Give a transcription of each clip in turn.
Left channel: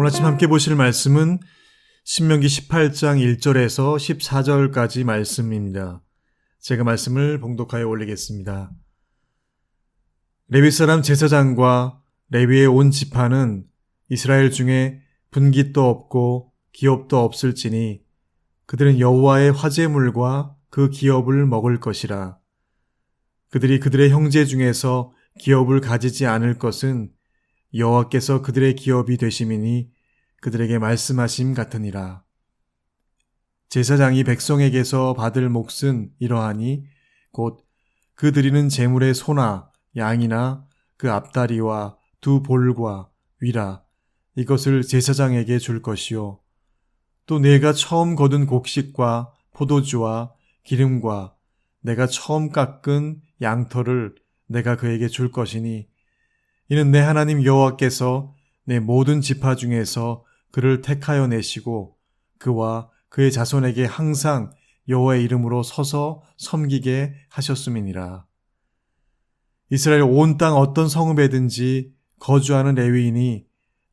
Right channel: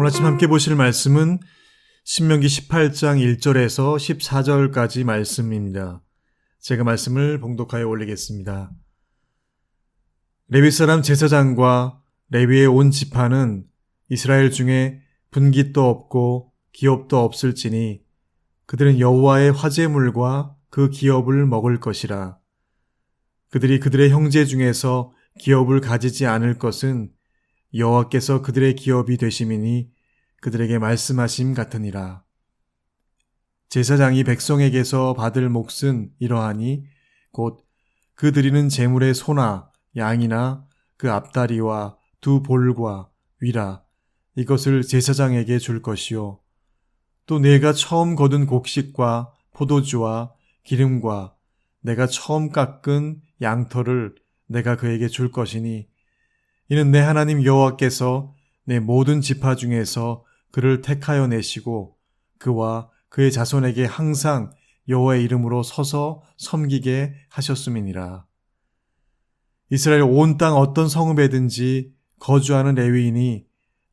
오늘 아침 함께 보실 말씀은 신명기 18장 1절에서 14절까지 말씀입니다. 제가 말씀을 봉독하여 올리겠습니다. 레위 사람 제사장과 레위의 온 지파는 이스라엘 중에 분깃도 없고 기업도 없을지니 그들은 여호와의 화제물과 그 기업을 먹을 것이라. 그들이 그들의 형제 중에서 기업을 가지지 않을 것은 여호와께서 그들의 기업이 되심이니 그들에게 말씀하심 같으니라. 제사장이 백성에게서 받을 몫은 이러하니 곧 그 드리는 제물의 소나 양이나 그 앞다리와 두 볼과 위라 이것을 제사장에게 줄 것이요. 또 내가 처음 거둔 곡식과 포도주와 기름과 내가 처음 깎은 양털을 내가 그에게 줄 것이니 이는 내 하나님 여호와께서 내 모든 지파 중에서 그를 택하여 내시고 그와 그의 자손에게 항상 여호와의 이름으로 서서 섬기게 하셨음이니라. 이스라엘 온 땅 어떤 성읍에든지 거주하는 레위인이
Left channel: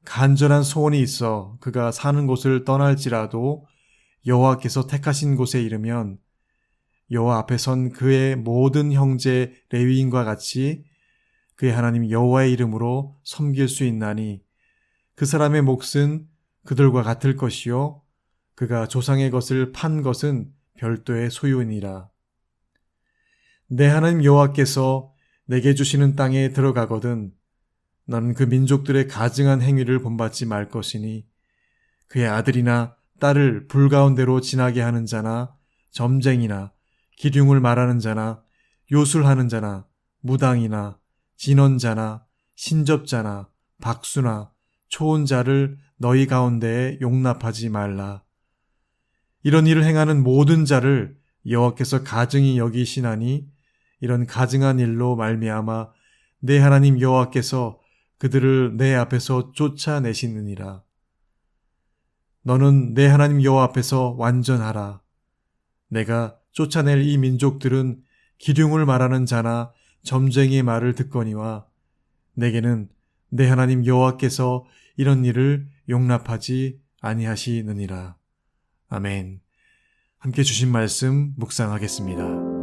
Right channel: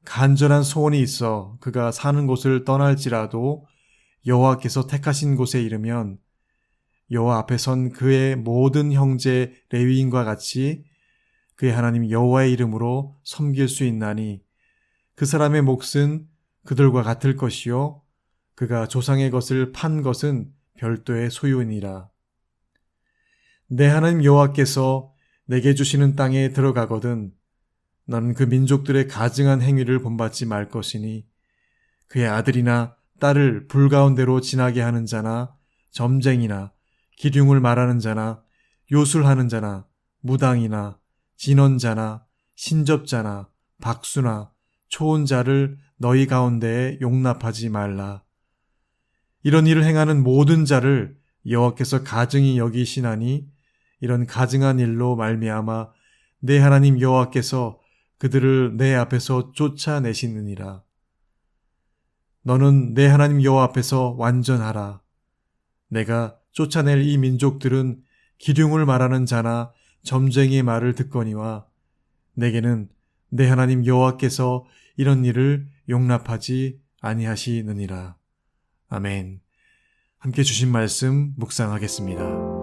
간절한 소원이 있어 그가 사는 곳을 떠날지라도 여호와께서 택하신 곳에 이르면 여호와 앞에 선 그의 모든 형제 레위인과 같이 그의 하나님 여호와의 이름으로 섬길 수 있나니 그 사람의 몫은 그들과 같을 것이요 그가 조상의 것을 판 것은 별도의 소유니라. 내 하나님 여호와께서 내게 주시는 땅에 들어가거든 너는 그 민족들의 가증한 행위를 본받지 말 것이니 그의 아들이나 딸을 불 가운데로 지나게 하는 자나 점쟁이나 기륭을 말하는 자나 요술하는 자나 무당이나 진언자나 신접자나 박수나 초혼자를 너희 가운데에 용납하지 말라. 이런 일을 행하는 모든 자를 여호와께서 가증히 여기시나니 이런 가증한 일로 말미암아 내 하나님 여호와께서 그들을 내 앞에서 쫓아내시느니라. 너는 내 하나님 여호와 앞에서 완전하라. 내가 쫓아낼 이 민족들은 기륭을 말하는 자나 점쟁이의 말을 듣거니와 내게는 내 하나님 여호와께서 이런 일을 용납하지 아니하시느니라. 아멘. 함께 주신 말씀 묵상하겠습니다.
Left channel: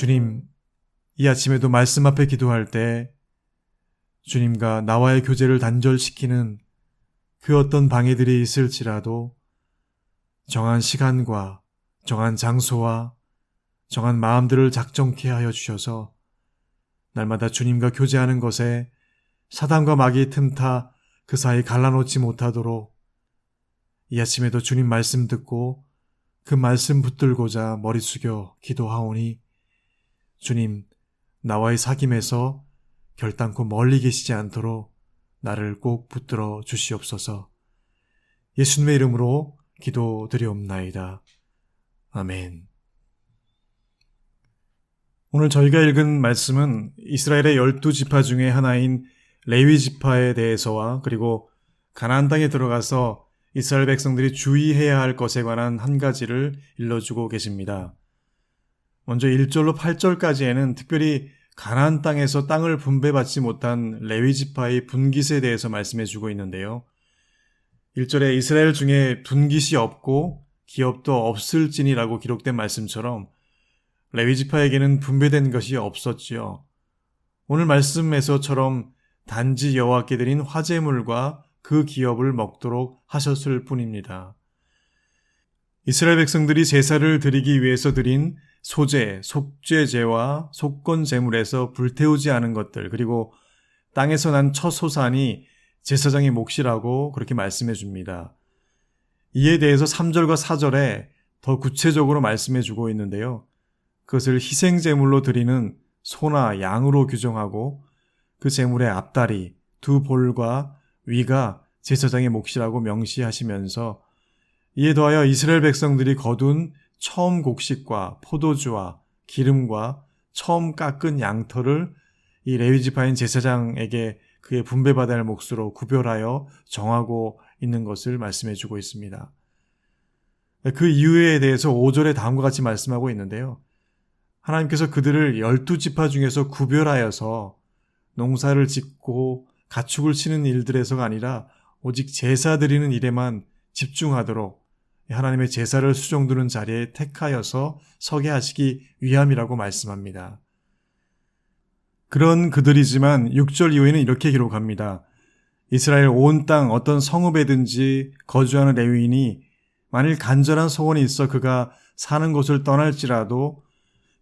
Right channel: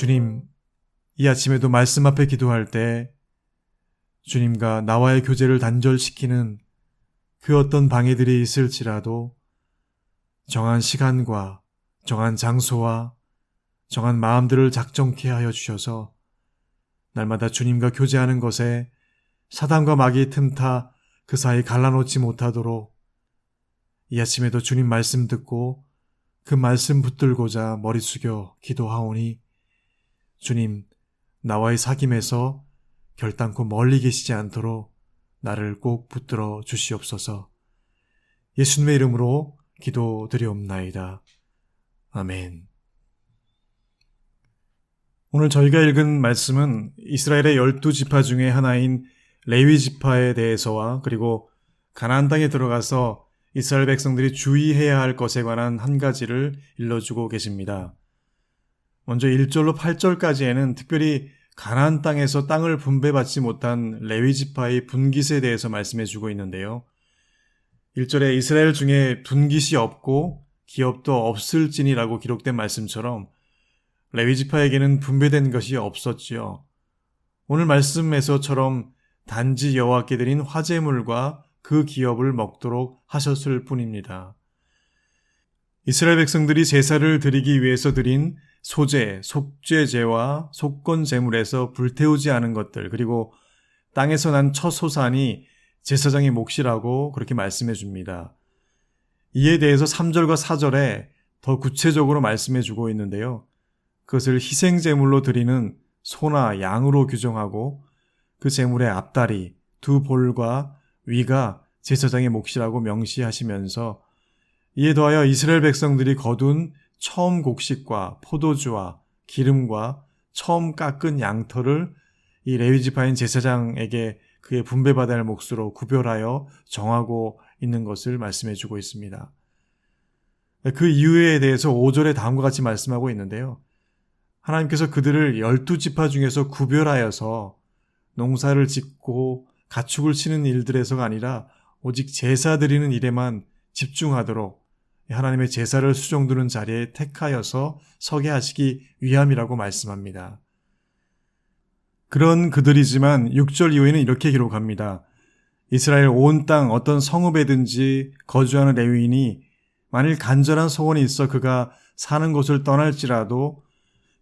주님, 이 아침에도 말씀 앞에 기도할 때 주님과 나와의 교제를 단절시키는 그 어떤 방해들이 있을지라도 정한 시간과 정한 장소와 정한 마음들을 작정케 하여 주셔서 날마다 주님과 교제하는 것에 사단과 마귀의 틈타 그 사이 갈라놓지 못하도록 이 아침에도 주님 말씀 듣고 그 말씀 붙들고자 머리 숙여 기도하오니 주님, 나와의 사귐에서 결단코 멀리 계시지 않도록 나를 꼭 붙들어 주시옵소서. 예수님의 이름으로 기도드리옵나이다. 아멘. 오늘 저희가 읽은 말씀은 이스라엘의 12지파 중에 하나인 레위 지파에 대해서와 그리고 가나안 땅에 들어가서 이스라엘 백성들이 주의해야 할 것에 관한 한 가지를 일러주고 계십니다. 먼저 1절로 8절까지에는 특별히 가나안 땅에서 땅을 분배받지 못한 레위 지파의 분깃에 대해서 말씀해주고 있는데요. 1절에 이스라엘 중에 분깃이 없고 기업도 없을지니라고 기록된 말씀처럼 레위 지파에게는 분배된 것이 없었지요. 오늘 말씀에서처럼 단지 여호와께 드린 화제물과 그 기업을 먹도록 하셨을 뿐입니다. 이스라엘 백성들이 제사를 드리기 위해서 드린 소제, 속죄제와 속건제물에서 불태우지 않은 것들, 그리고 땅에서 난 첫 소산이 제사장의 몫이라고 그렇게 말씀해 줍니다. 이에 대해서 3절과 4절에 더 구체적으로 말씀해 주고 있는데요. 그것을 희생제물로 드리는 소나 양으로 규정하고 그 제물의 앞다리, 두 볼과 위가 제사장의 몫이라고 명시하시면서 이에 더하여 이스라엘 백성들이 거둔 처음 곡식과 포도주와 기름과 처음 깎은 양털을 이 레위 지파인 제사장에게 그의 분배받아야 할 몫으로 구별하여 정하고 있는 것을 말씀해 주고 있습니다. 그 이유에 대해서 5절에 다음과 같이 말씀하고 있는데요. 하나님께서 그들을 12지파 중에서 구별하여서 농사를 짓고 가축을 치는 일들에서가 아니라 오직 제사 드리는 일에만 집중하도록 하나님의 제사를 수종드는 자리에 택하여서 서게 하시기 위함이라고 말씀합니다. 그런 그들이지만 6절 이후에는 이렇게 기록합니다. 이스라엘 온 땅 어떤 성읍에든지 거주하는 레위인이 만일 간절한 소원이 있어 그가 사는 곳을 떠날지라도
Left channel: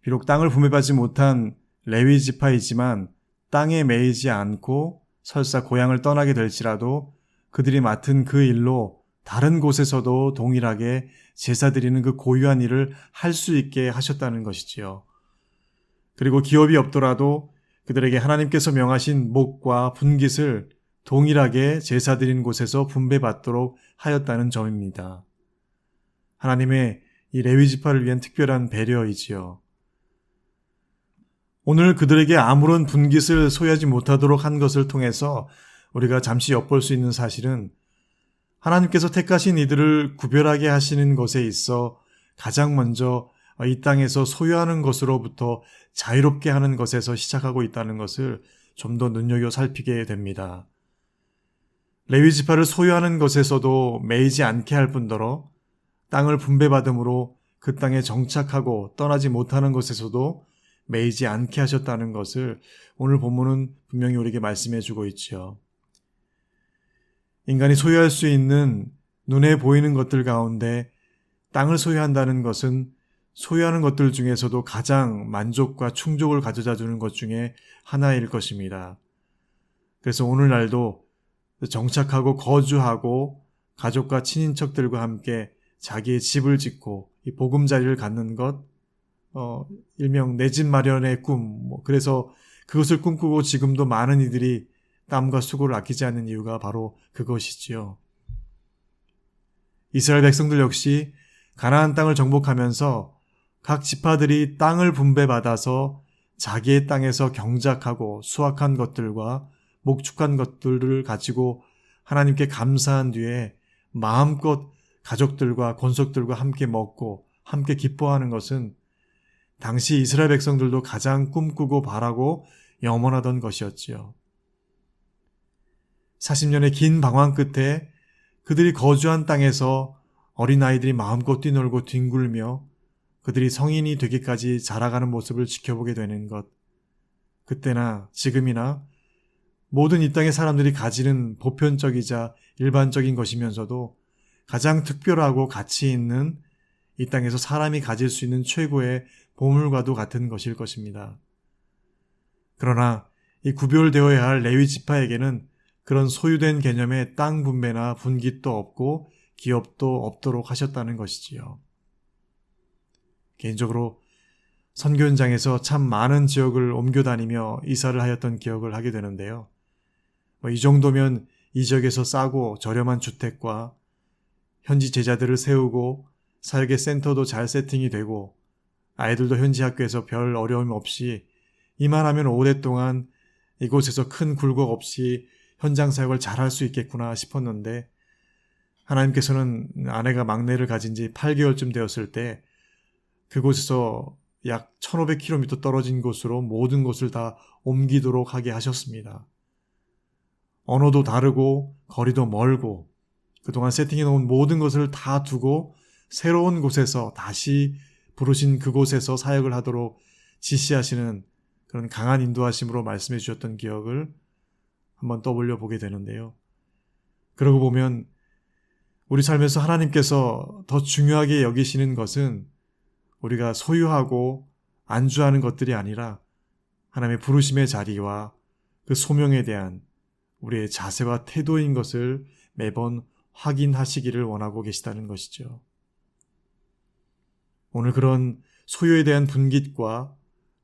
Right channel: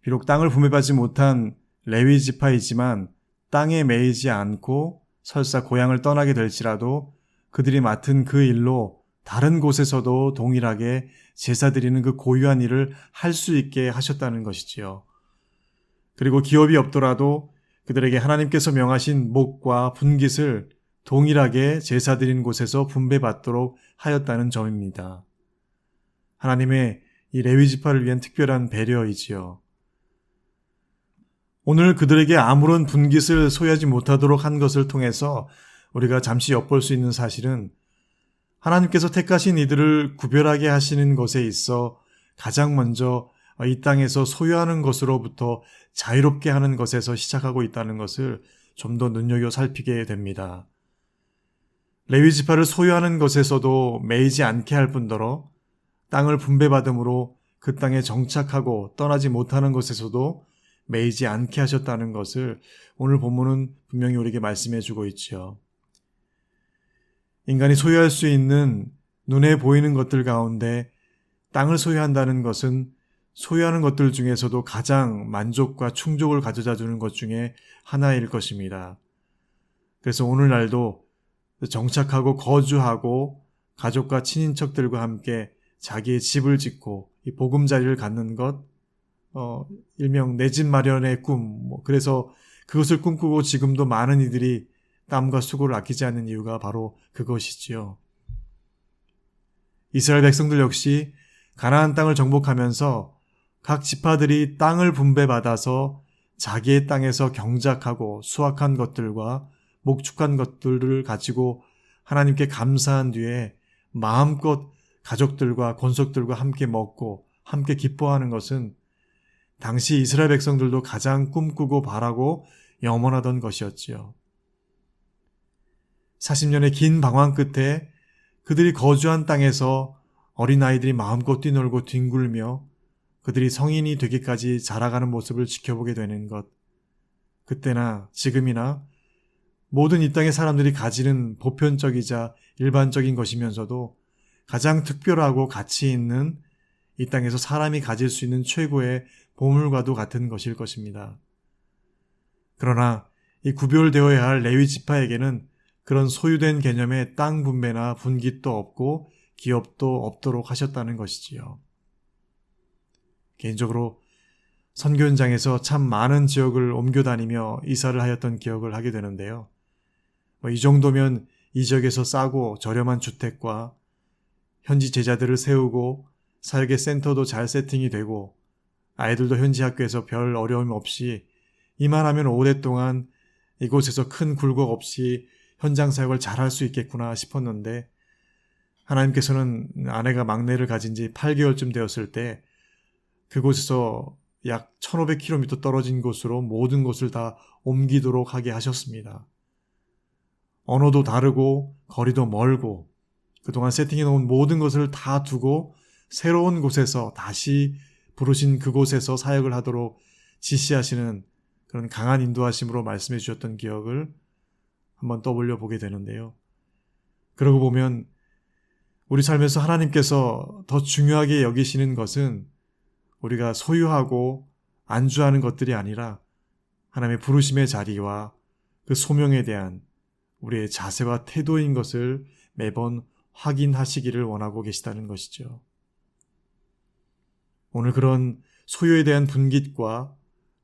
비록 땅을 분배받지 못한 레위 지파이지만 땅에 매이지 않고 설사 고향을 떠나게 될지라도 그들이 맡은 그 일로 다른 곳에서도 동일하게 제사 드리는 그 고유한 일을 할 수 있게 하셨다는 것이지요. 그리고 기업이 없더라도 그들에게 하나님께서 명하신 목과 분깃을 동일하게 제사 드린 곳에서 분배받도록 하였다는 점입니다. 하나님의 이 레위 지파를 위한 특별한 배려이지요. 오늘 그들에게 아무런 분깃을 소유하지 못하도록 한 것을 통해서 우리가 잠시 엿볼 수 있는 사실은 하나님께서 택하신 이들을 구별하게 하시는 것에 있어 가장 먼저 이 땅에서 소유하는 것으로부터 자유롭게 하는 것에서 시작하고 있다는 것을 좀 더 눈여겨 살피게 됩니다. 레위 지파를 소유하는 것에서도 매이지 않게 할 뿐더러 땅을 분배받음으로 그 땅에 정착하고 떠나지 못하는 것에서도 매이지 않게 하셨다는 것을 오늘 본문은 분명히 우리에게 말씀해 주고 있지요. 인간이 소유할 수 있는 눈에 보이는 것들 가운데 땅을 소유한다는 것은 소유하는 것들 중에서도 가장 만족과 충족을 가져다 주는 것 중에 하나일 것입니다. 그래서 오늘날도 정착하고 거주하고 가족과 친인척들과 함께 자기의 집을 짓고 이 보금자리를 갖는 것, 일명 내 집 마련의 꿈, 그래서 그것을 꿈꾸고 지금도 많은 이들이 땀과 수고를 아끼지 않는 이유가 바로 그것이지요. 이스라엘 백성들 역시 가나안 땅을 정복하면서 각 지파들이 땅을 분배받아서 자기의 땅에서 경작하고 수확한 것들과 목축한 것들을 가지고 하나님께 감사한 뒤에 마음껏 가족들과 권속들과 함께 먹고 함께 기뻐하는 것은 당시 이스라엘 백성들도 가장 꿈꾸고 바라고 염원하던 것이었지요. 40년의 긴 방황 끝에 그들이 거주한 땅에서 어린아이들이 마음껏 뛰놀고 뒹굴며 그들이 성인이 되기까지 자라가는 모습을 지켜보게 되는 것. 그때나 지금이나 모든 이 땅의 사람들이 가지는 보편적이자 일반적인 것이면서도 가장 특별하고 가치 있는 이 땅에서 사람이 가질 수 있는 최고의 보물과도 같은 것일 것입니다. 그러나 이 구별되어야 할 레위 지파에게는 그런 소유된 개념의 땅 분배나 분깃도 없고 기업도 없도록 하셨다는 것이지요. 개인적으로 선교 현장에서 참 많은 지역을 옮겨 다니며 이사를 하였던 기억을 하게 되는데요. 이 정도면 이 지역에서 싸고 저렴한 주택과 현지 제자들을 세우고 사역의 센터도 잘 세팅이 되고 아이들도 현지 학교에서 별 어려움 없이 이만하면 오랫동안 이곳에서 큰 굴곡 없이 현장 사역을 잘 할 수 있겠구나 싶었는데 하나님께서는 아내가 막내를 가진 지 8개월쯤 되었을 때 그곳에서 약 1500km 떨어진 곳으로 모든 것을 다 옮기도록 하게 하셨습니다. 언어도 다르고 거리도 멀고 그동안 세팅해 놓은 모든 것을 다 두고 새로운 곳에서 다시 부르신 그곳에서 사역을 하도록 지시하시는 그런 강한 인도하심으로 말씀해 주셨던 기억을 한번 떠올려 보게 되는데요. 그러고 보면 우리 삶에서 하나님께서 더 중요하게 여기시는 것은 우리가 소유하고 안주하는 것들이 아니라 하나님의 부르심의 자리와 그 소명에 대한 우리의 자세와 태도인 것을 매번 확인하시기를 원하고 계시다는 것이죠. 오늘 그런 소유에 대한 분깃과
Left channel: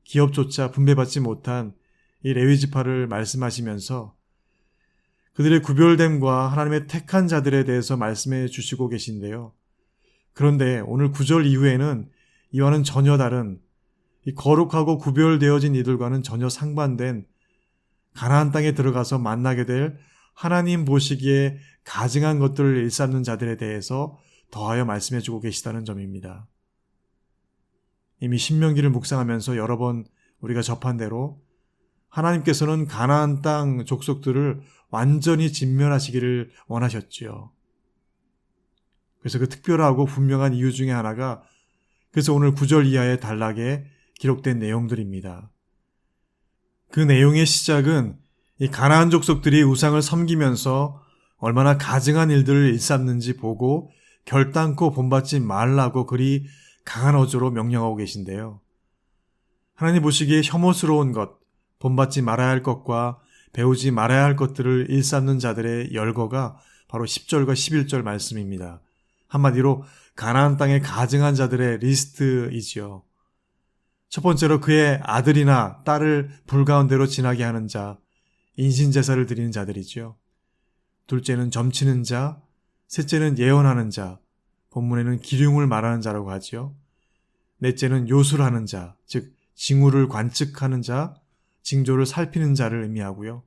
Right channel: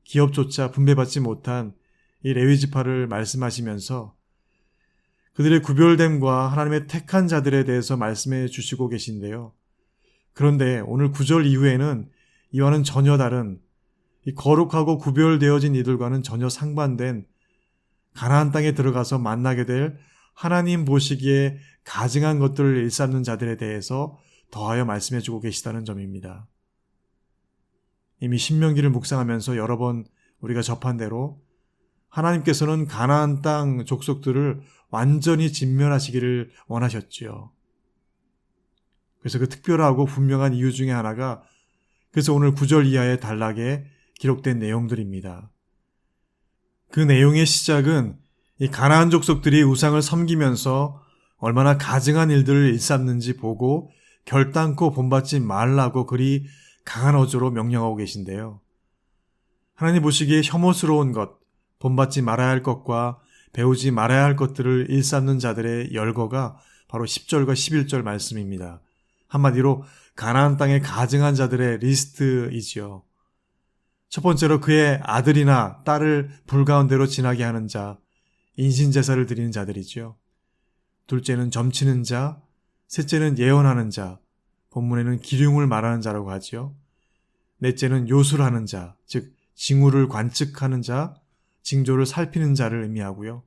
기업조차 분배받지 못한 이 레위 지파를 말씀하시면서 그들의 구별됨과 하나님의 택한 자들에 대해서 말씀해 주시고 계신데요. 그런데 오늘 9절 이후에는 이와는 전혀 다른 이 거룩하고 구별되어진 이들과는 전혀 상반된 가나안 땅에 들어가서 만나게 될 하나님 보시기에 가증한 것들을 일삼는 자들에 대해서 더하여 말씀해 주고 계시다는 점입니다. 이미 신명기를 묵상하면서 여러 번 우리가 접한 대로 하나님께서는 가나안 땅 족속들을 완전히 진멸하시기를 원하셨지요. 그래서 그 특별하고 분명한 이유 중에 하나가 그래서 오늘 9절 이하의 단락에 기록된 내용들입니다. 그 내용의 시작은 이 가나안 족속들이 우상을 섬기면서 얼마나 가증한 일들을 일삼는지 보고 결단코 본받지 말라고 그리 강한 어조로 명령하고 계신데요. 하나님 보시기에 혐오스러운 것, 본받지 말아야 할 것과 배우지 말아야 할 것들을 일삼는 자들의 열거가 바로 10절과 11절 말씀입니다. 한마디로 가나안 땅에 가증한 자들의 리스트이지요. 첫 번째로 그의 아들이나 딸을 불가운데로 지나게 하는 자, 인신제사를 드리는 자들이지요. 둘째는 점치는 자, 셋째는 예언하는 자, 본문에는 기륭을 말하는 자라고 하지요. 넷째는 요술하는 자, 즉 징후를 관측하는 자, 징조를 살피는 자를 의미하고요.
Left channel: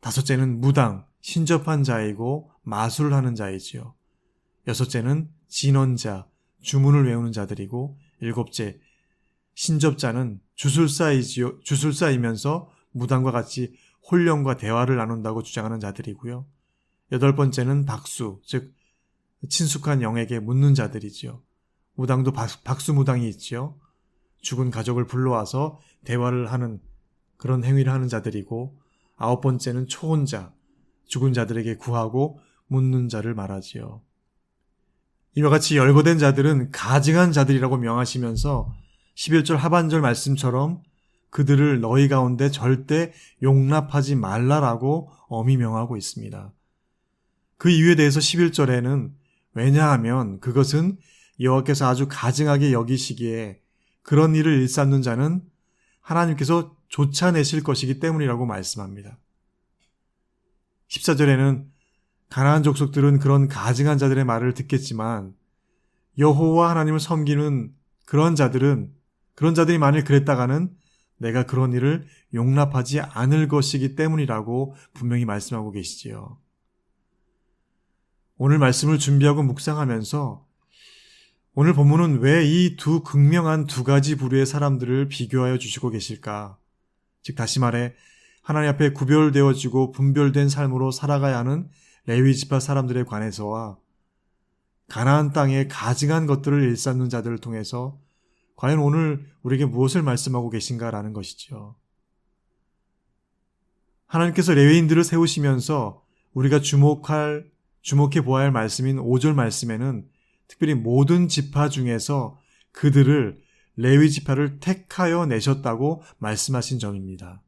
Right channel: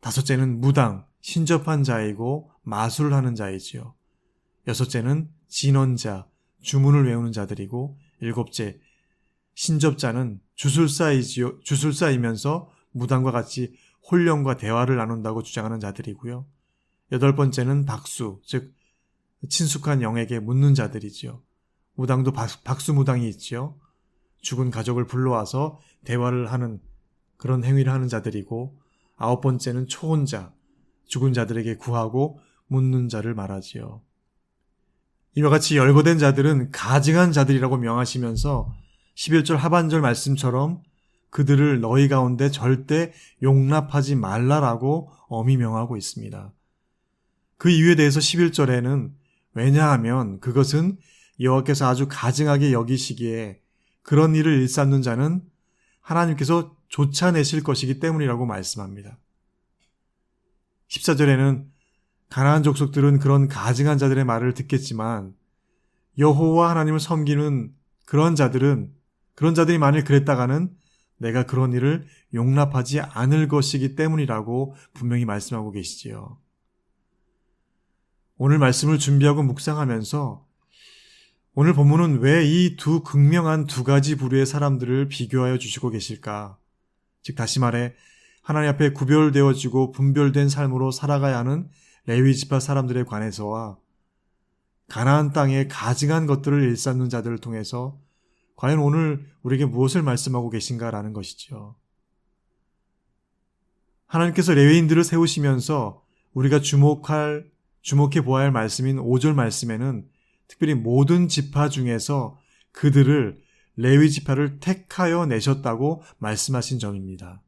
다섯째는 무당, 신접한 자이고 마술을 하는 자이지요. 여섯째는 진언자, 주문을 외우는 자들이고 일곱째, 신접자는 주술사이면서 무당과 같이 혼령과 대화를 나눈다고 주장하는 자들이고요. 여덟 번째는 박수, 즉 친숙한 영에게 묻는 자들이지요. 무당도 박수무당이 있지요. 죽은 가족을 불러와서 대화를 하는 그런 행위를 하는 자들이고 아홉 번째는 초혼자, 죽은 자들에게 구하고 묻는 자를 말하지요. 이와 같이 열거된 자들은 가증한 자들이라고 명하시면서 11절 하반절 말씀처럼 그들을 너희 가운데 절대 용납하지 말라라고 엄히 명하고 있습니다. 그 이유에 대해서 11절에는 왜냐하면 그것은 여호와께서 아주 가증하게 여기시기에 그런 일을 일삼는 자는 하나님께서 쫓아내실 것이기 때문이라고 말씀합니다. 14절에는 가나안 족속들은 그런 가증한 자들의 말을 듣겠지만 여호와 하나님을 섬기는 그런 자들이 만일 그랬다가는 내가 그런 일을 용납하지 않을 것이기 때문이라고 분명히 말씀하고 계시지요. 오늘 말씀을 준비하고 묵상하면서 오늘 본문은 왜 이 두 극명한 두 가지 부류의 사람들을 비교하여 주시고 계실까? 즉 다시 말해 하나님 앞에 구별되어지고 분별된 삶으로 살아가야 하는 레위 지파 사람들에 관해서와 가나안 땅에 가증한 것들을 일삼는 자들을 통해서 과연 오늘 우리에게 무엇을 말씀하고 계신가라는 것이죠. 하나님께서 레위인들을 세우시면서 우리가 주목해 보아야 할 말씀인 5절 말씀에는 특별히 모든 지파 중에서 그들을 레위 지파를 택하여 내셨다고 말씀하신 점입니다.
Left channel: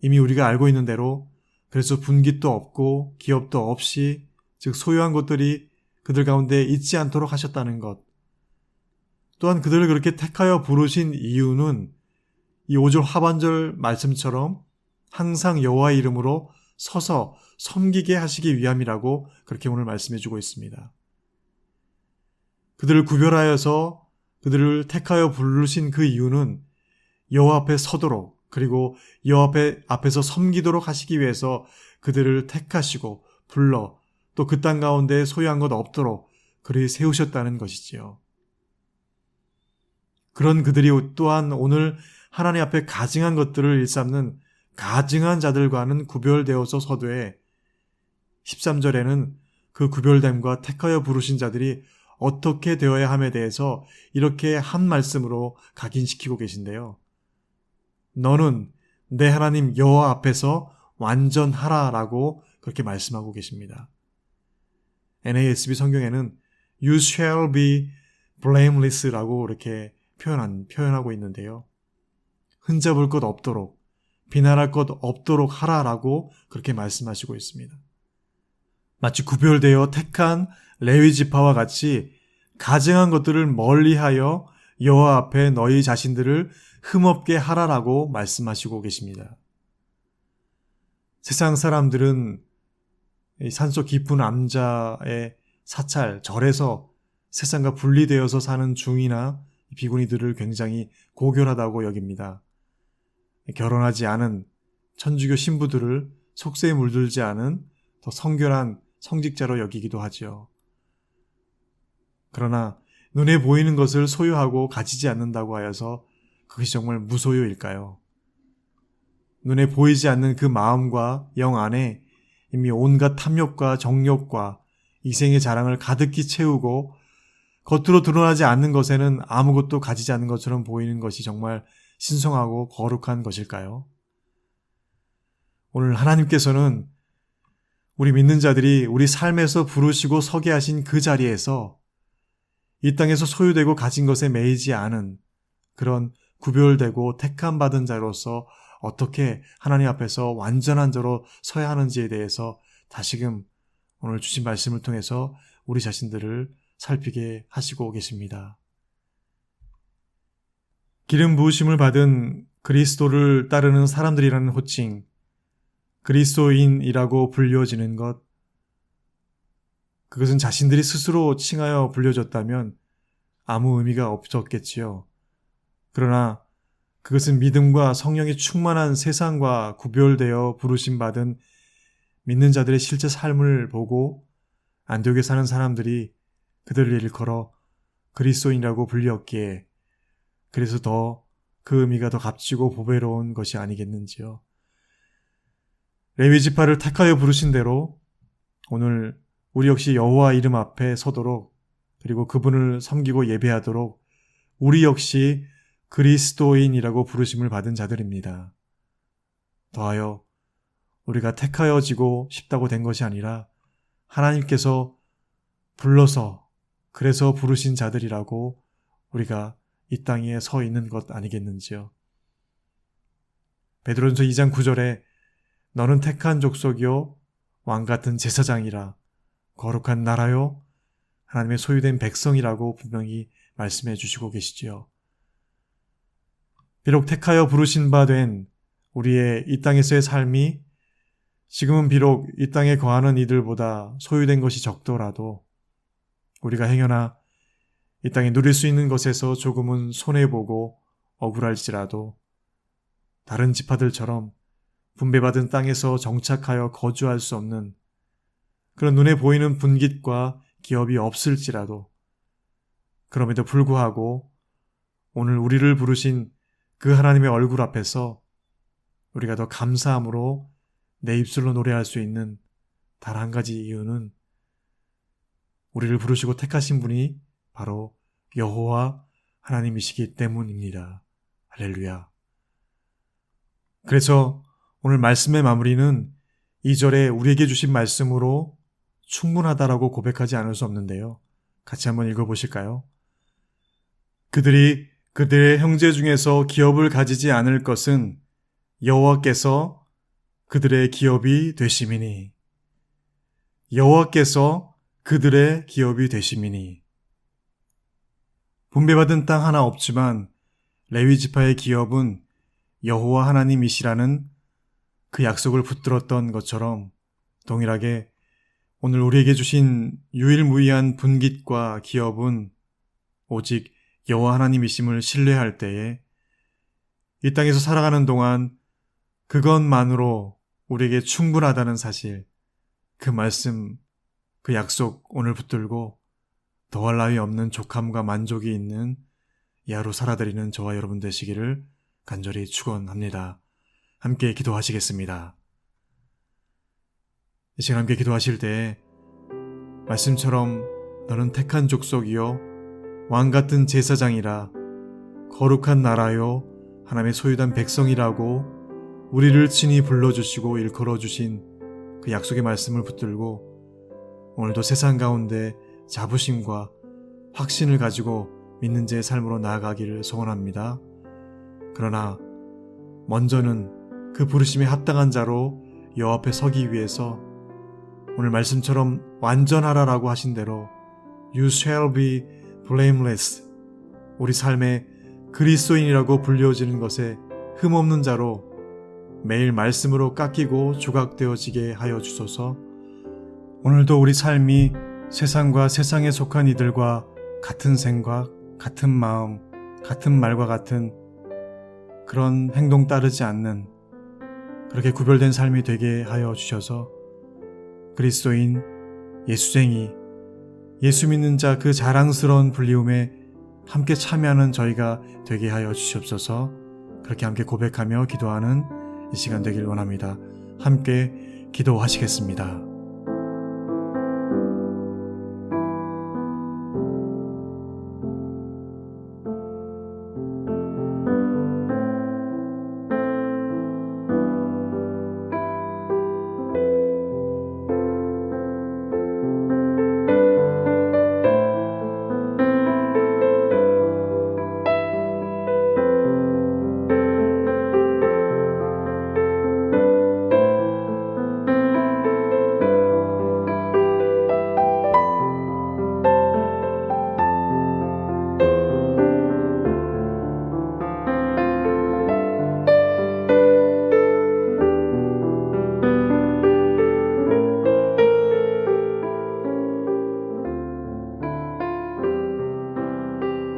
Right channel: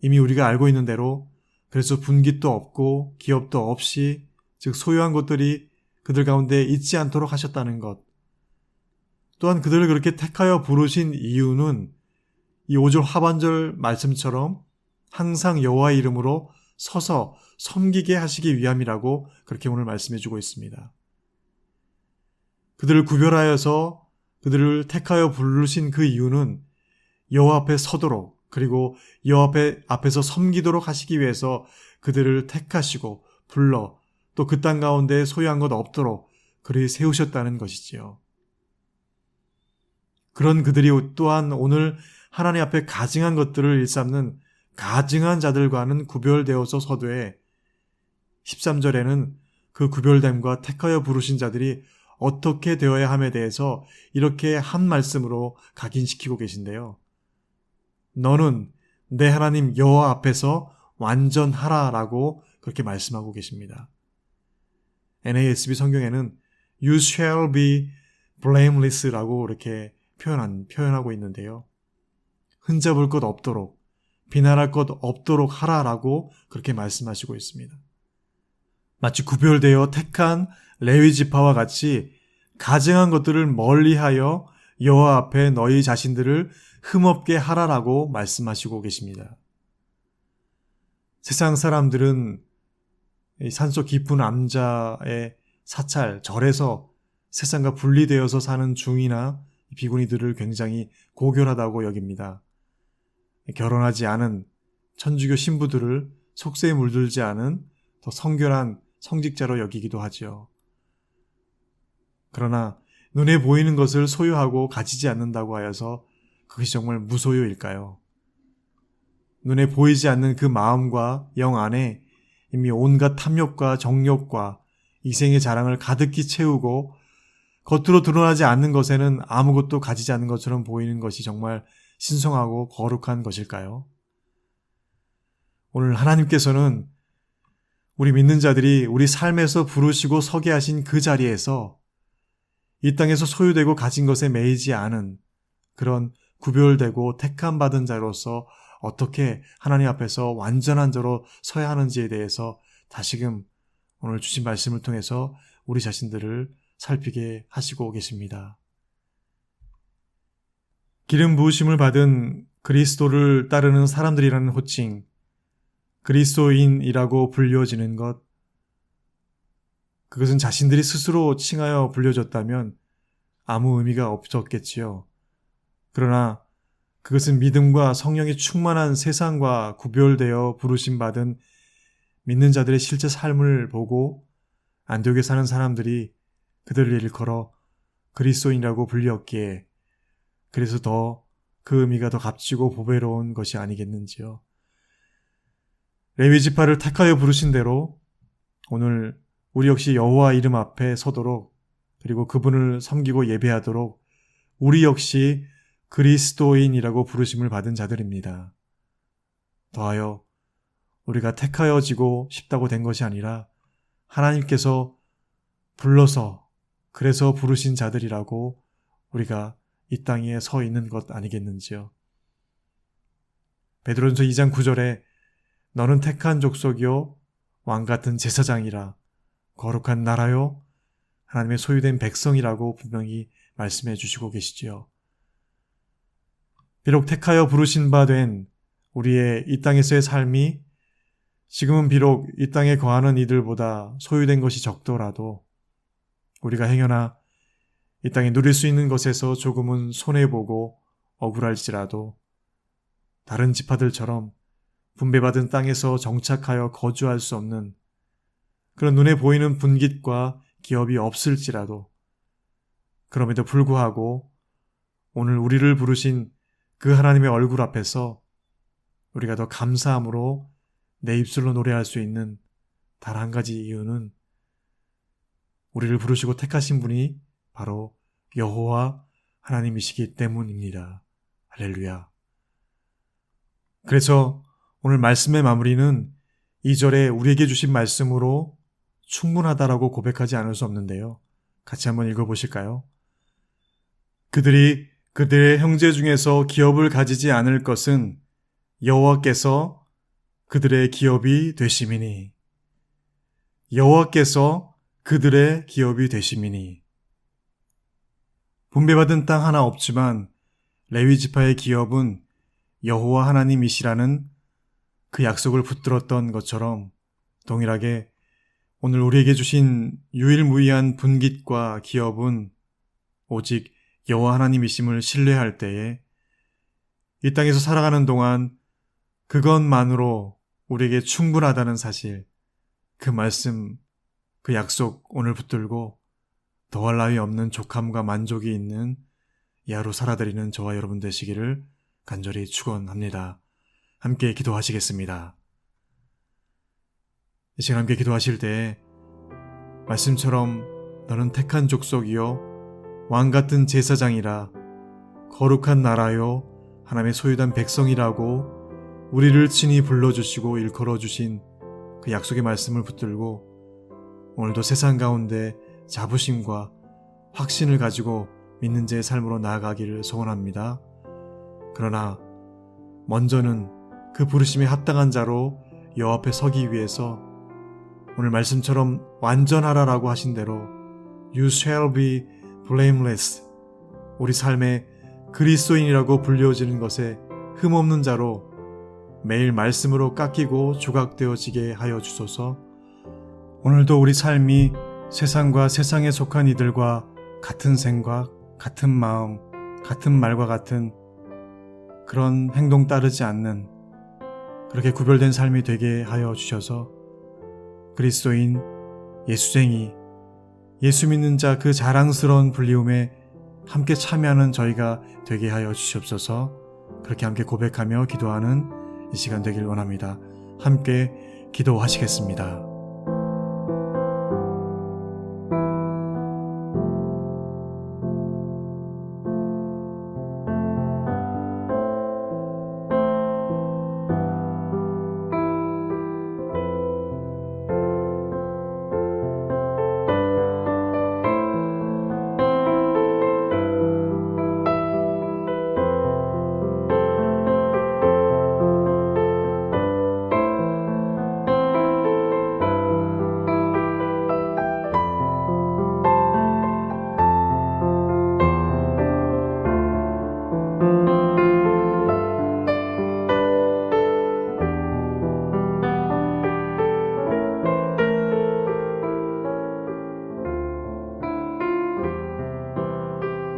이미 우리가 알고 있는 대로 그래서 분깃도 없고 기업도 없이 즉 소유한 것들이 그들 가운데 있지 않도록 하셨다는 것. 또한 그들을 그렇게 택하여 부르신 이유는 이 5절 하반절 말씀처럼 항상 여호와의 이름으로 서서 섬기게 하시기 위함이라고 그렇게 오늘 말씀해 주고 있습니다. 그들을 구별하여서 그들을 택하여 부르신 그 이유는 여호와 앞에 서도록 그리고 여호와 앞에서 섬기도록 하시기 위해서 그들을 택하시고 불러 또 그 땅 가운데 소유한 것 없도록 그리 세우셨다는 것이지요. 그런 그들이 또한 오늘 하나님 앞에 가증한 것들을 일삼는 가증한 자들과는 구별되어서 서되 13절에는 그 구별됨과 택하여 부르신 자들이 어떻게 되어야 함에 대해서 이렇게 한 말씀으로 각인시키고 계신데요. 너는 내 하나님 여호와 앞에서 완전하라라고 그렇게 말씀하고 계십니다. NASB 성경에는 You shall be blameless라고 이렇게 표현하고 있는데요. 흠잡을 것 없도록 비난할 것 없도록 하라라고 그렇게 말씀하시고 있습니다. 마치 구별되어 택한 레위 지파와 같이 가증한 것들을 멀리하여 여호와 앞에 너희 자신들을 흠없게 하라라고 말씀하시고 계십니다. 세상 사람들은 산속 깊은 암자의 사찰, 절에서 세상과 분리되어서 사는 중이나 비구니들을 굉장히 고결하다고 여깁니다. 결혼하지 않은 천주교 신부들을 속세에 물들지 않은 더 성결한 성직자로 여기기도 하지요. 그러나 눈에 보이는 것을 소유하고 가지지 않는다고 하여서 그것이 정말 무소유일까요? 눈에 보이지 않는 그 마음과 영 안에 이미 온갖 탐욕과 정욕과 이생의 자랑을 가득히 채우고 겉으로 드러나지 않는 것에는 아무것도 가지지 않는 것처럼 보이는 것이 정말 신성하고 거룩한 것일까요? 오늘 하나님께서는 우리 믿는 자들이 우리 삶에서 부르시고 서게 하신 그 자리에서 이 땅에서 소유되고 가진 것에 매이지 않은 그런 구별되고 택함 받은 자로서 어떻게 하나님 앞에서 완전한 자로 서야 하는지에 대해서 다시금 오늘 주신 말씀을 통해서 우리 자신들을 살피게 하시고 계십니다. 기름 부으심을 받은 그리스도를 따르는 사람들이라는 호칭, 그리스도인이라고 불려지는 것, 그것은 자신들이 스스로 칭하여 불려졌다면 아무 의미가 없었겠지요. 그러나 그것은 믿음과 성령이 충만한 세상과 구별되어 부르심받은 믿는 자들의 실제 삶을 보고 안디옥에 사는 사람들이 그들을 일컬어 그리스도인이라고 불렸기에 그래서 더 그 의미가 더 값지고 보배로운 것이 아니겠는지요. 레위 지파를 택하여 부르신 대로 오늘 우리 역시 여호와 이름 앞에 서도록 그리고 그분을 섬기고 예배하도록 우리 역시 그리스도인이라고 부르심을 받은 자들입니다. 더하여 우리가 택하여지고 싶다고 된 것이 아니라 하나님께서 불러서 그래서 부르신 자들이라고 우리가 이 땅에 서 있는 것 아니겠는지요. 베드로전서 2장 9절에 너는 택한 족속이요 왕같은 제사장이라 거룩한 나라요 하나님의 소유된 백성이라고 분명히 말씀해 주시고 계시지요. 비록 택하여 부르신 바 된 우리의 이 땅에서의 삶이 지금은 비록 이 땅에 거하는 이들보다 소유된 것이 적더라도 우리가 행여나 이 땅에 누릴 수 있는 것에서 조금은 손해보고 억울할지라도 다른 지파들처럼 분배받은 땅에서 정착하여 거주할 수 없는 그런 눈에 보이는 분깃과 기업이 없을지라도 그럼에도 불구하고 오늘 우리를 부르신 그 하나님의 얼굴 앞에서 우리가 더 감사함으로 내 입술로 노래할 수 있는 단 한 가지 이유는 우리를 부르시고 택하신 분이 바로 여호와 하나님이시기 때문입니다. 할렐루야. 그래서 오늘 말씀의 마무리는 2절에 우리에게 주신 말씀으로 충분하다라고 고백하지 않을 수 없는데요. 같이 한번 읽어보실까요? 그들이 그들의 형제 중에서 기업을 가지지 않을 것은 여호와께서 그들의 기업이 되심이니. 여호와께서 그들의 기업이 되심이니. 분배받은 땅 하나 없지만 레위 지파의 기업은 여호와 하나님이시라는 그 약속을 붙들었던 것처럼 동일하게 오늘 우리에게 주신 유일무이한 분깃과 기업은 오직 여호와 하나님이심을 신뢰할 때에 이 땅에서 살아가는 동안 그것만으로 우리에게 충분하다는 사실, 그 말씀, 그 약속 오늘 붙들고 더할 나위 없는 족함과 만족이 있는 이 하루 살아드리는 저와 여러분 되시기를 간절히 축원합니다. 함께 기도하시겠습니다. 이 시간 함께 기도하실 때 말씀처럼 너는 택한 족속이요 왕같은 제사장이라 거룩한 나라요 하나님의 소유된 백성이라고 우리를 친히 불러주시고 일컬어주신 그 약속의 말씀을 붙들고 오늘도 세상 가운데 자부심과 확신을 가지고 믿는 자의 삶으로 나아가기를 소원합니다. 그러나 먼저는 그 부르심에 합당한 자로 여호와 앞에 서기 위해서 오늘 말씀처럼 완전하라라고 하신 대로 You shall be blameless, 우리 삶의 그리스도인이라고 불려지는 것에 흠없는 자로 매일 말씀으로 깎이고 조각되어지게 하여 주소서. 오늘도 우리 삶이 세상과 세상에 속한 이들과 같은 생각, 같은 마음, 같은 말과 같은 그런 행동 따르지 않는 그렇게 구별된 삶이 되게 하여 주셔서 그리스도인, 예수쟁이, 예수 믿는 자 그 자랑스러운 불리움에 함께 참여하는 저희가 되게 하여 주시옵소서. 그렇게 함께 고백하며 기도하는 이 시간 되길 원합니다. 함께 기도하시겠습니다.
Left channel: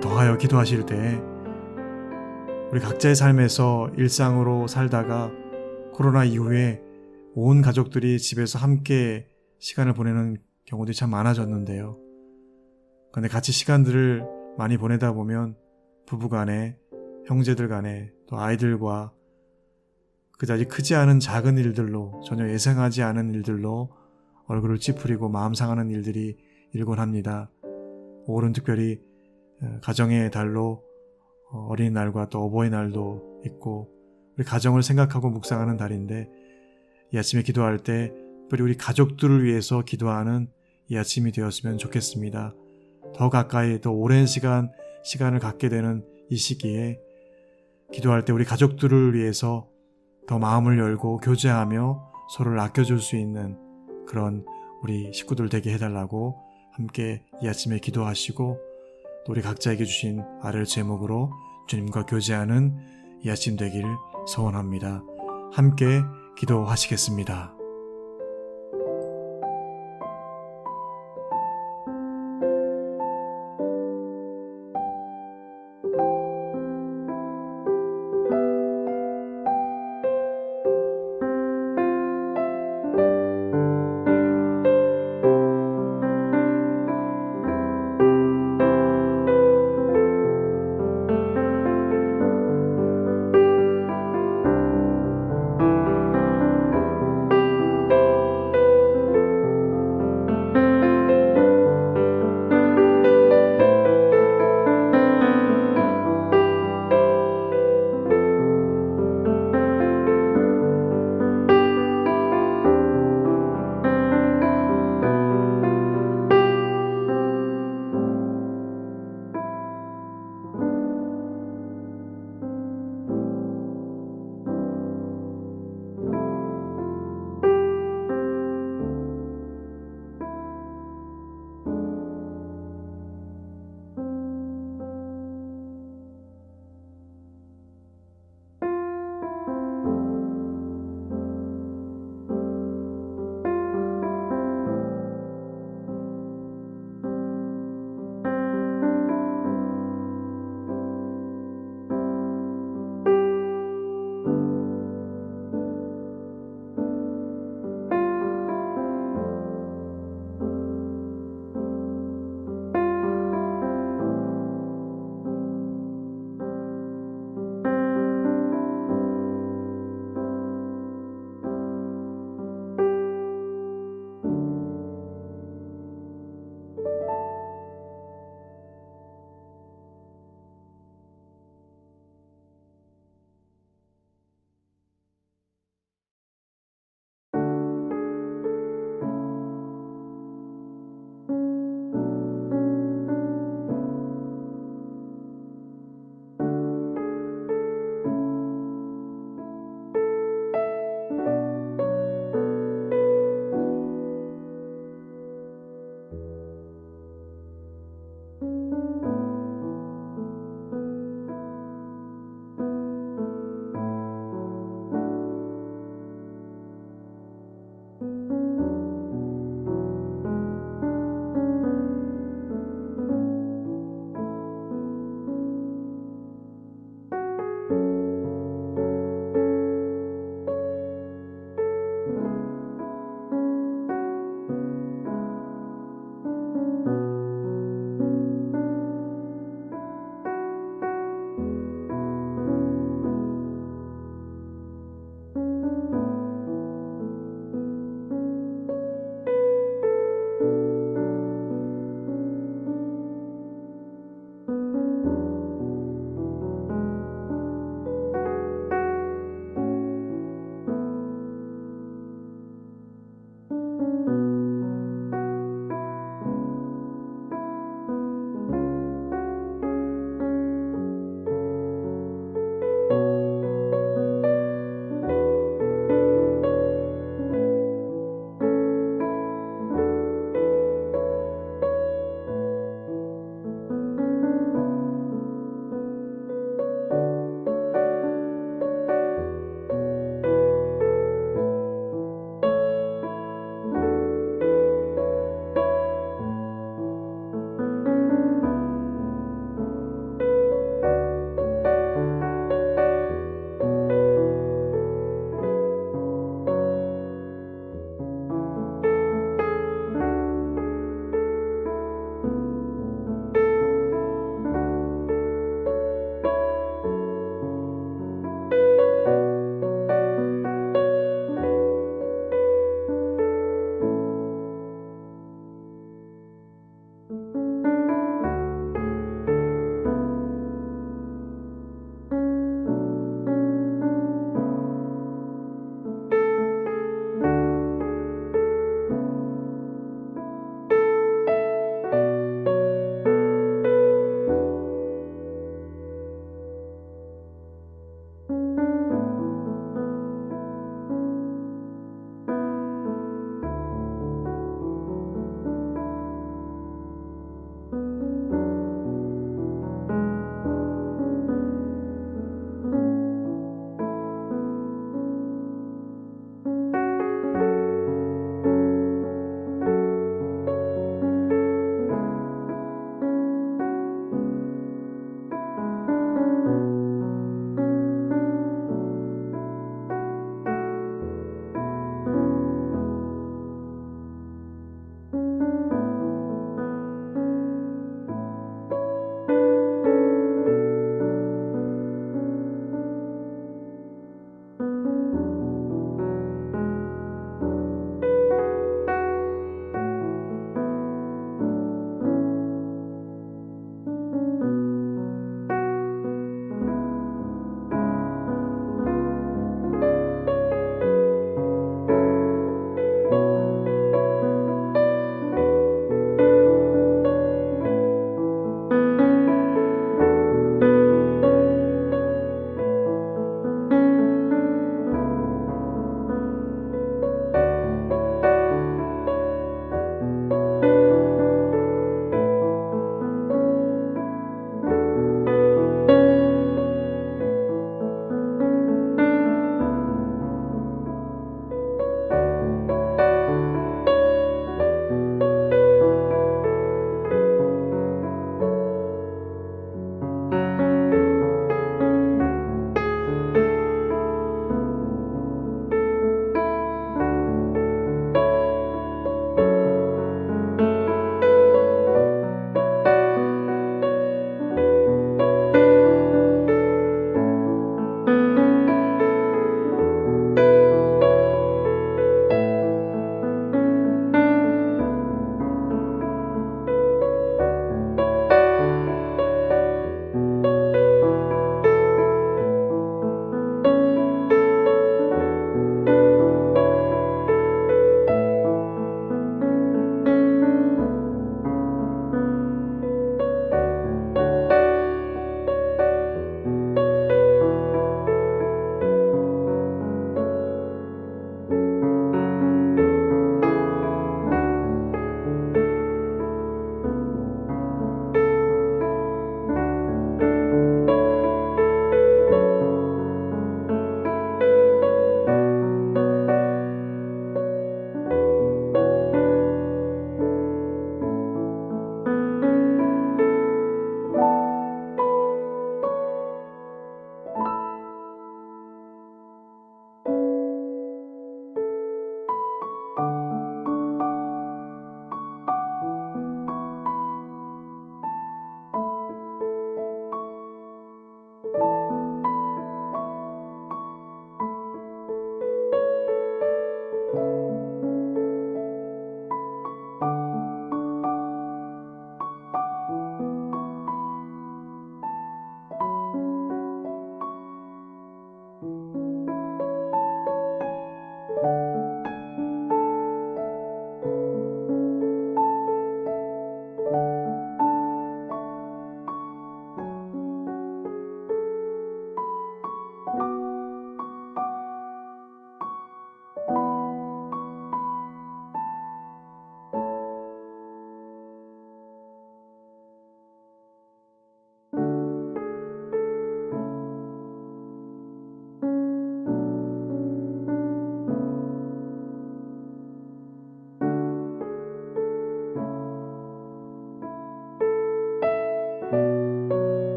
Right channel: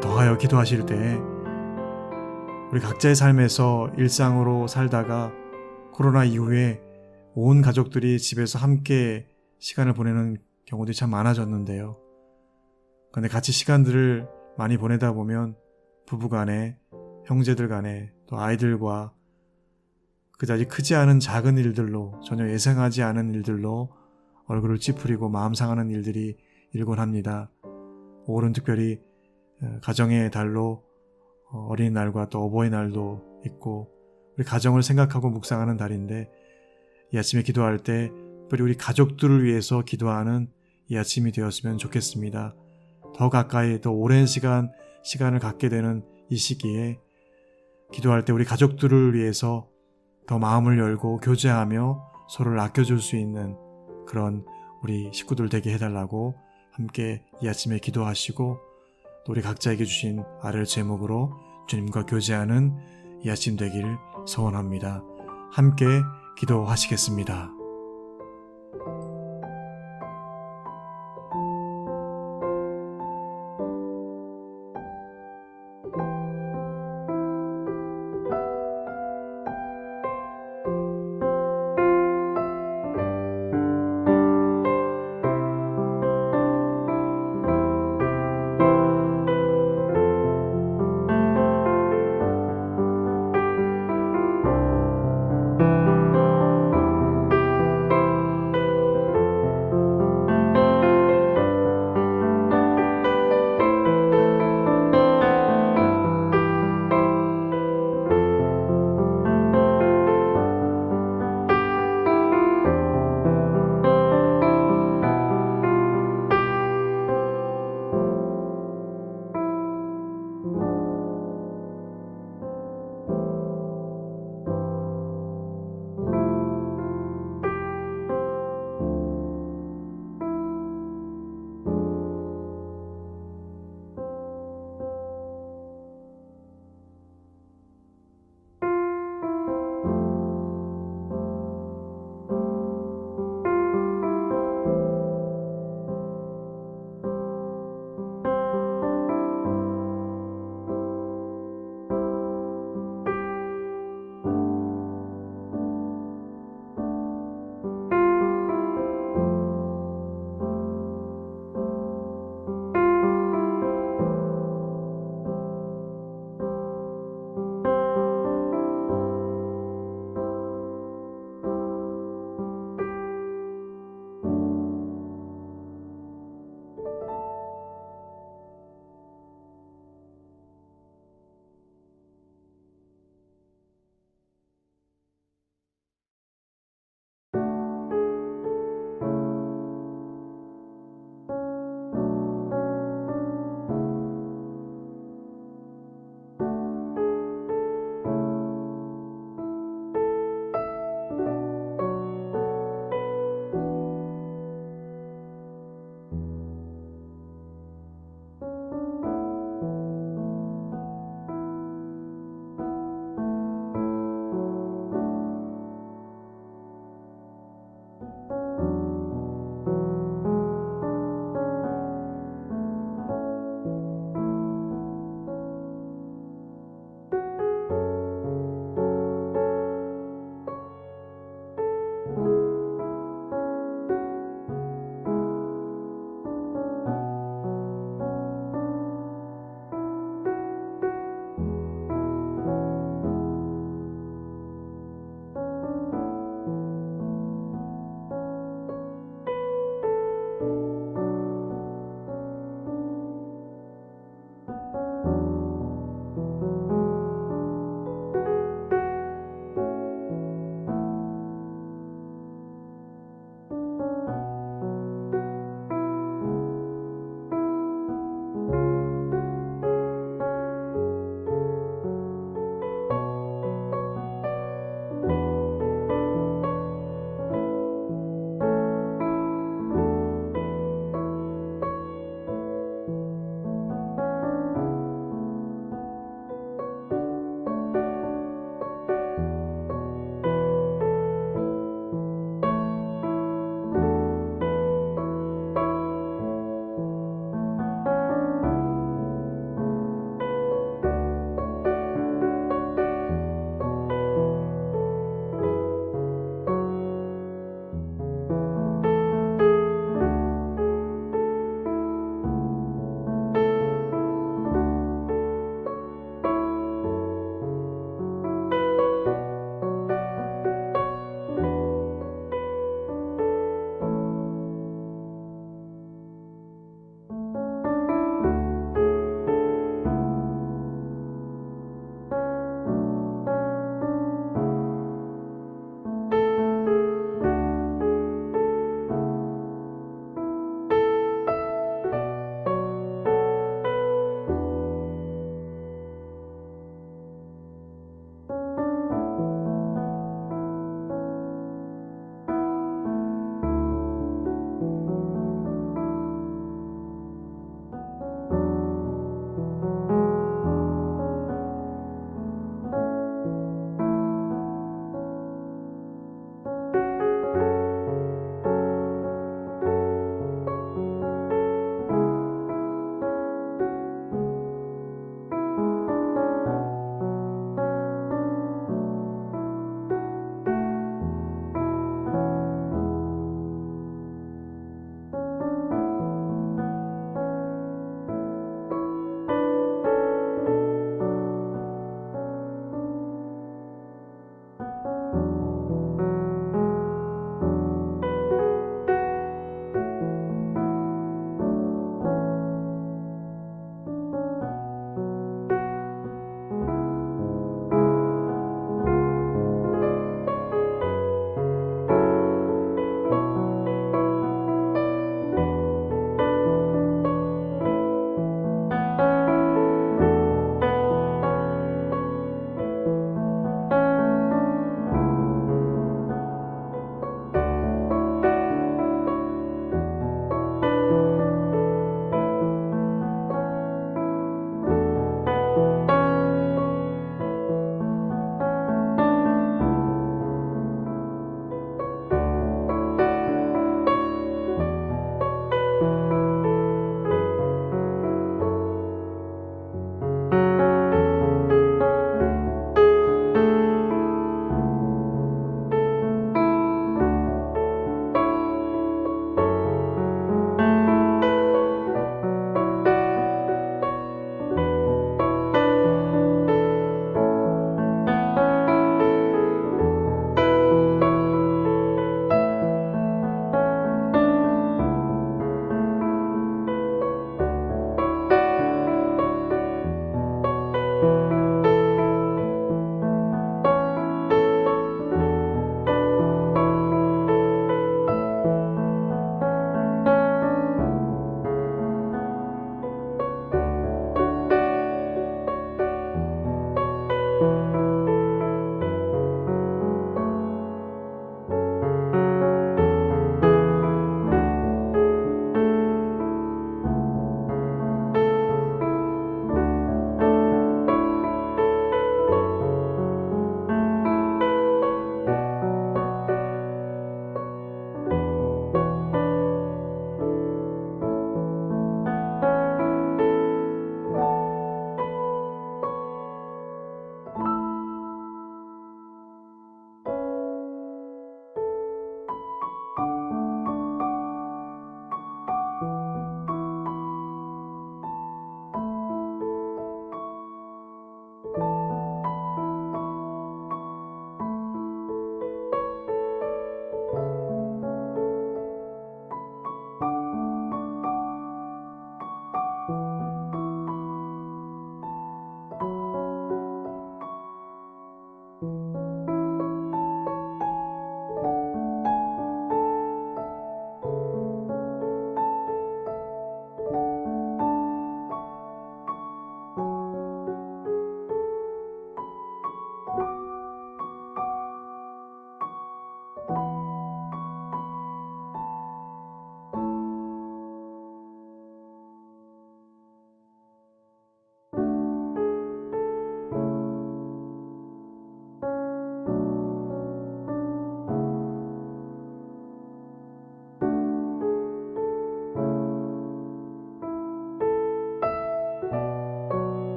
더하여 기도하실 때 우리 각자의 삶에서 일상으로 살다가 코로나 이후에 온 가족들이 집에서 함께 시간을 보내는 경우들이 참 많아졌는데요. 그런데 같이 시간들을 많이 보내다 보면 부부간에, 형제들 간에, 또 아이들과 그다지 크지 않은 작은 일들로, 전혀 예상하지 않은 일들로 얼굴을 찌푸리고 마음 상하는 일들이 일곤 합니다. 5월은 특별히 가정의 달로 어린이날과 또 어버이날도 있고 우리 가정을 생각하고 묵상하는 달인데 이 아침에 기도할 때 특별히 우리 가족들을 위해서 기도하는 이 아침이 되었으면 좋겠습니다. 더 가까이 더 오랜 시간을 갖게 되는 이 시기에 기도할 때 우리 가족들을 위해서 더 마음을 열고 교제하며 서로를 아껴줄 수 있는 그런 우리 식구들 되게 해달라고 함께 이 아침에 기도하시고 또 우리 각자에게 주신 아를 제목으로 주님과 교제하는 이 아침 되기를 소원합니다. 함께 기도하시겠습니다.